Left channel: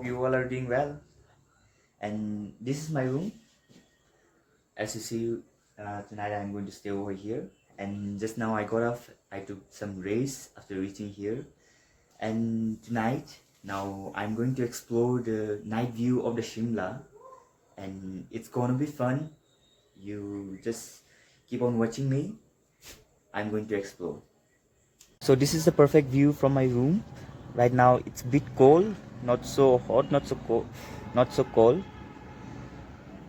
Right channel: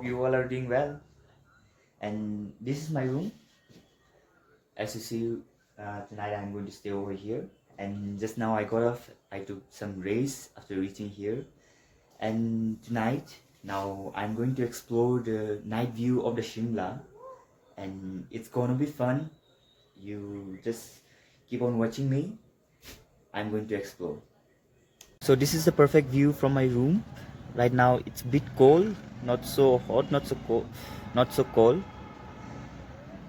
hope you all are doing well. And this is my room. As you see, tonight I'm going to stay over here. And just now I got off. I took some rest after reaching here. And tonight, now I'm going to explore the night view of the Shimla. And it's gonna be fun. You just keep on watching me. I'm going to explore. So this is the perfect view from my room. Right now it's a bit cold, not so hot, not so cold.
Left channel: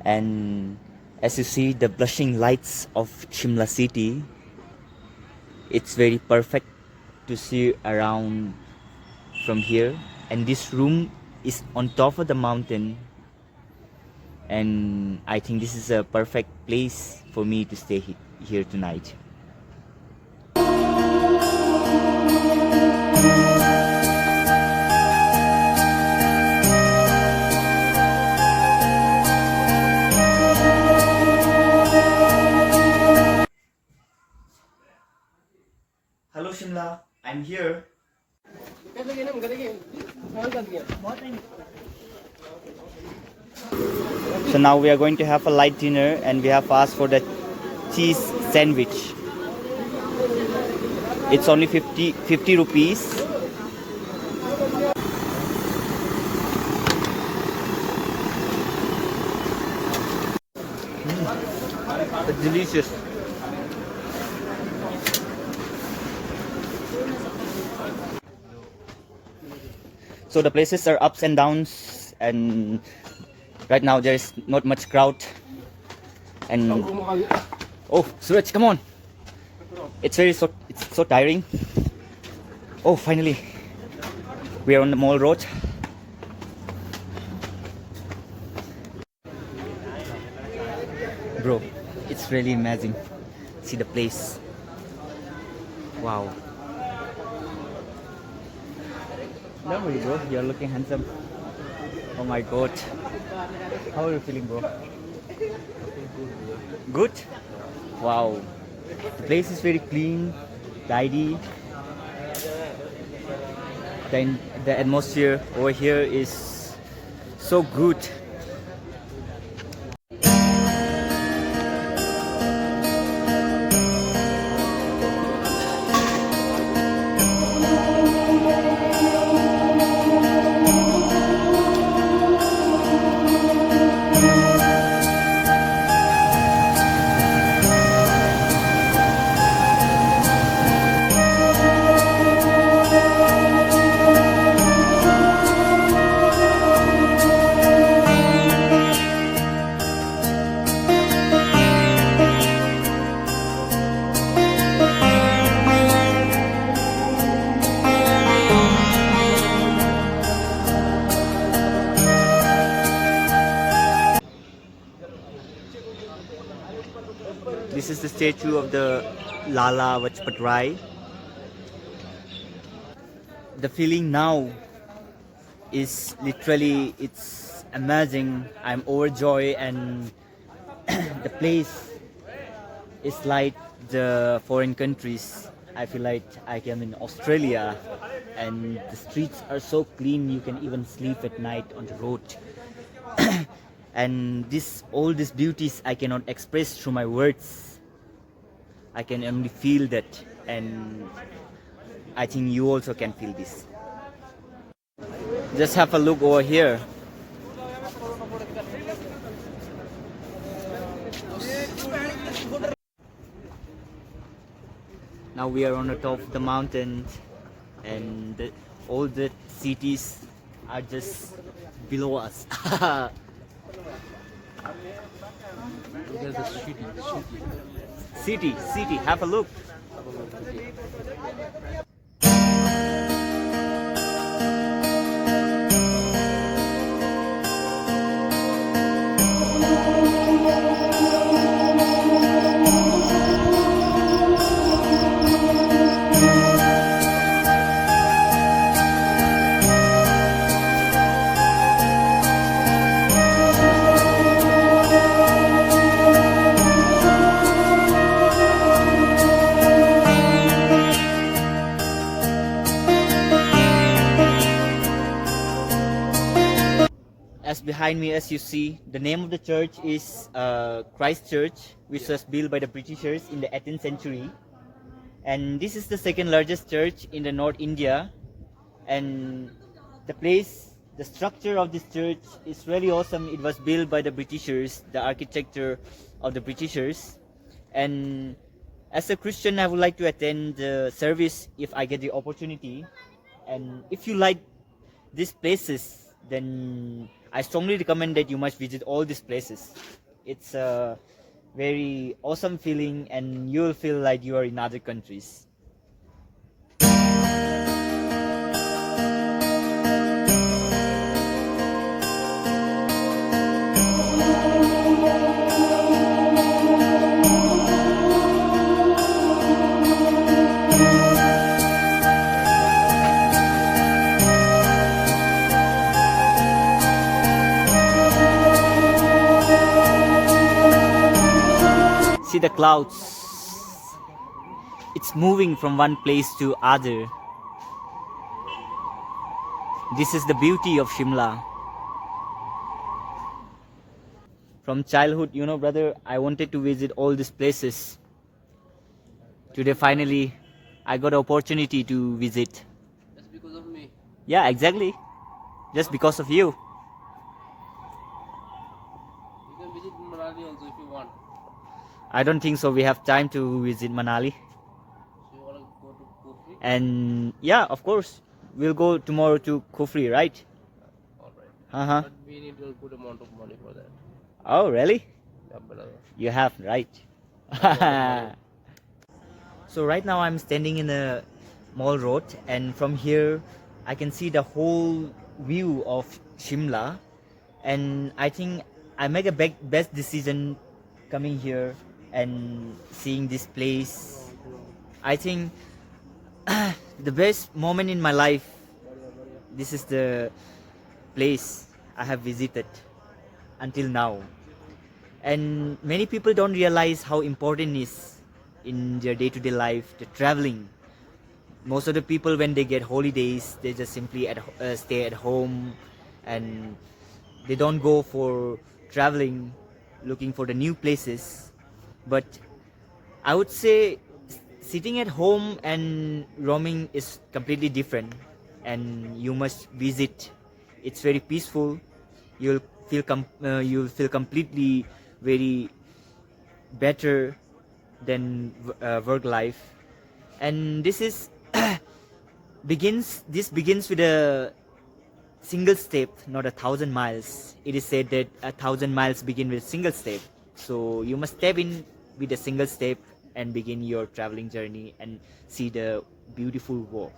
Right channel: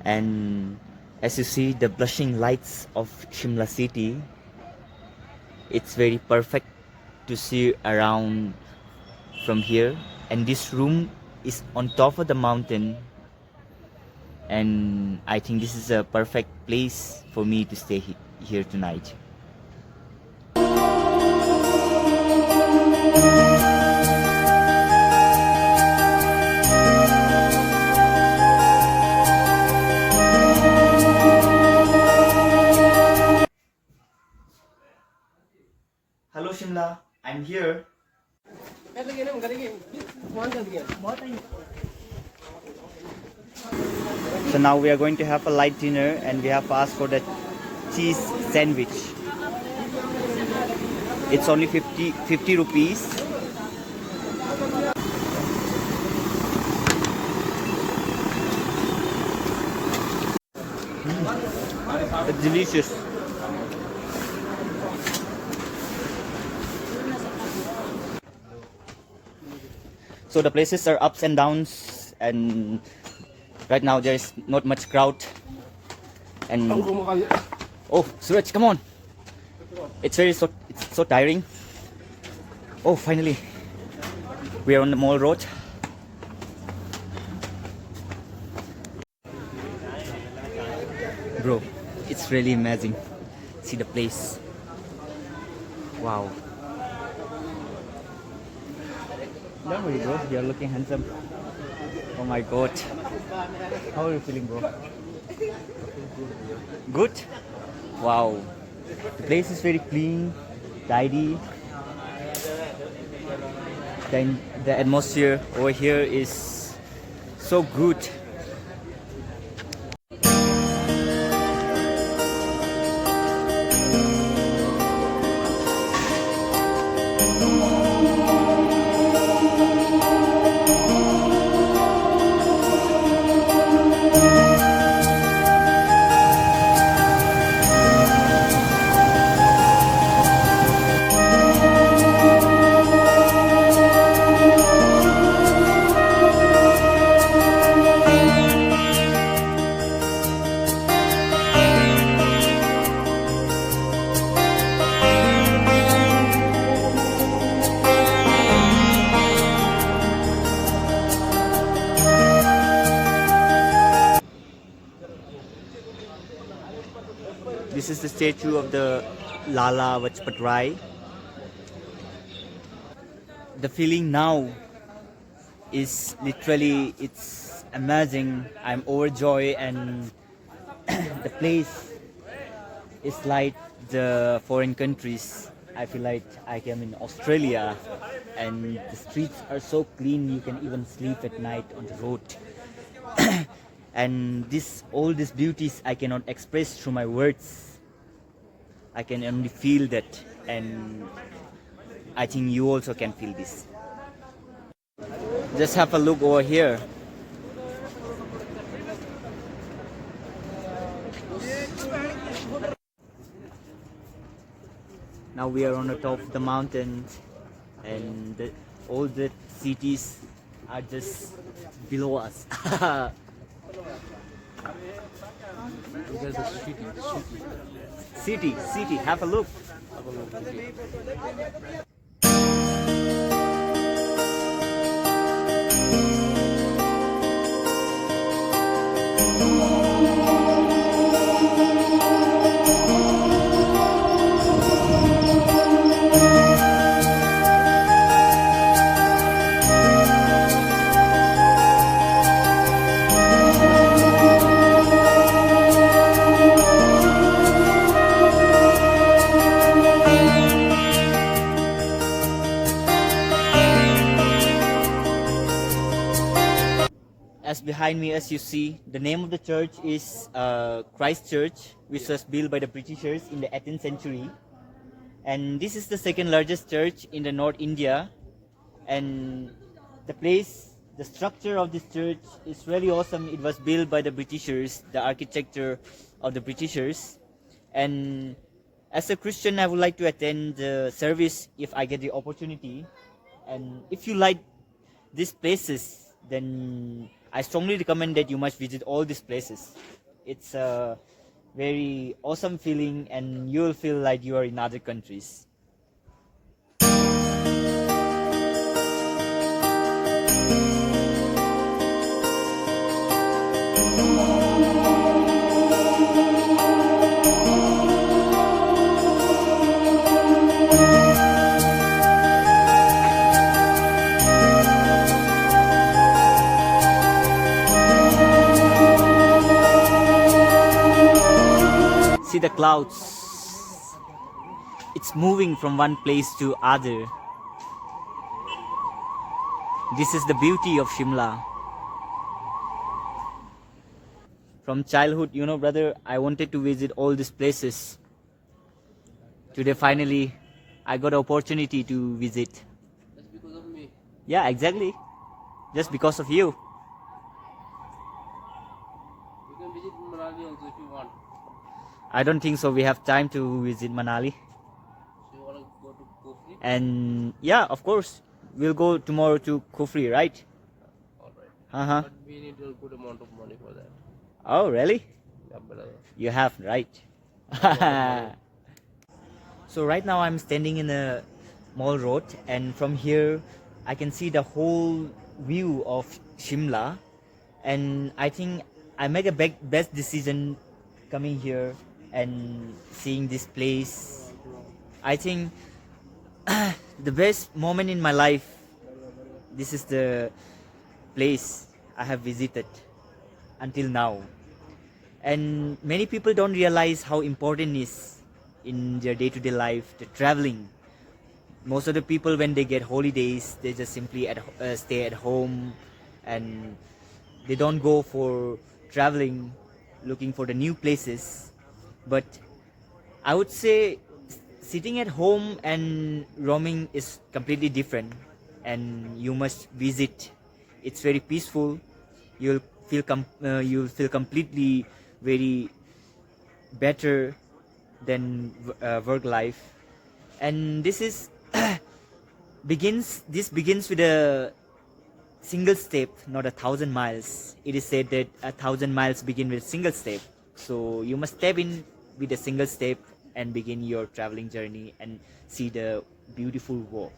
And as you see the blushing lights of Shimla city, it's very perfect to see around from here. And this room is on top of the mountain, and I think this is a perfect place for me to stay here tonight. Hello Shimla, I'm here. So now we are going to have a light dinner, and we have asked for the cheese sandwich. It's only 50 rupees. It's delicious. So the places are ups and downs, and right now there is not much crowd. And oh, Suraj, come on! It's so tiring. Oh, finally, we are on the mall road. Bro, it's really amazing. See the place. Wow. Don't worry, bro. You're looking handsome. Oh my god. How are you feeling, bro? Good? Wow. The place is very clean, tidy. Then the atmosphere over here is so good. This is the statue of the Lala Lajpat Rai. The feeling now is literally, it's amazing. I'm overjoyed, and the place is like the foreign countries. I feel like I am in Australia, and the streets are so clean you can even sleep at night on the road. And all these beauties I cannot express through my words. I can only feel that, and I think you also can feel this. Just have a look over here. Now we are on the top of the mountain, and all the cities are just below us. There's a City, have a look. as behind me, as you see, the name of the church is Christ Church, which was built by the Britishers in the 18th century. And this is the second largest church in the North India. And the structure of this church is really awesome. It was built by the Britishers, the architecture of the Britishers. And as a Christian, I would like to attend the service if I get the opportunity. And if you like these places, then I strongly recommend that you must visit all these places. It's a very awesome feeling, and you will feel like you are in other countries. See the clouds. It's moving from one place to other. This is the beauty of Shimla. From childhood, brother, I wanted to visit all these places. Today, finally, I got an opportunity to visit. Just because of me. Yeah, exactly. Just because of you. You can visit Manali also if you want. I don't think so. We have time to visit Manali. So you want to go to Kufri? And yeah, of course, we'll go tomorrow to Kufri, right? Alright. Uh-huh. But we need a good amount of money for that. Oh, really? Yeah, brother. You have, right? So right now I'm standing in a mall road, and from here I can see the whole view of Shimla, and I think I make a best decision coming here and seeing this place. I think the best moment in my life, this is the place I have visited until now. And many people don't realize how important it is in their day-to-day life, the traveling. Most of the people, when they get holidays, they just simply stay at home, and they don't go for traveling, looking for the new places. But I would say sitting at home and roaming is completely different, and you must visit. It's very peaceful. You'll feel completely very better than work life. And this begins with a single step, not 1,000 miles. It is said that 1,000 miles begin with a single step. So you must step in with a single step and begin your traveling journey and see the beautiful world.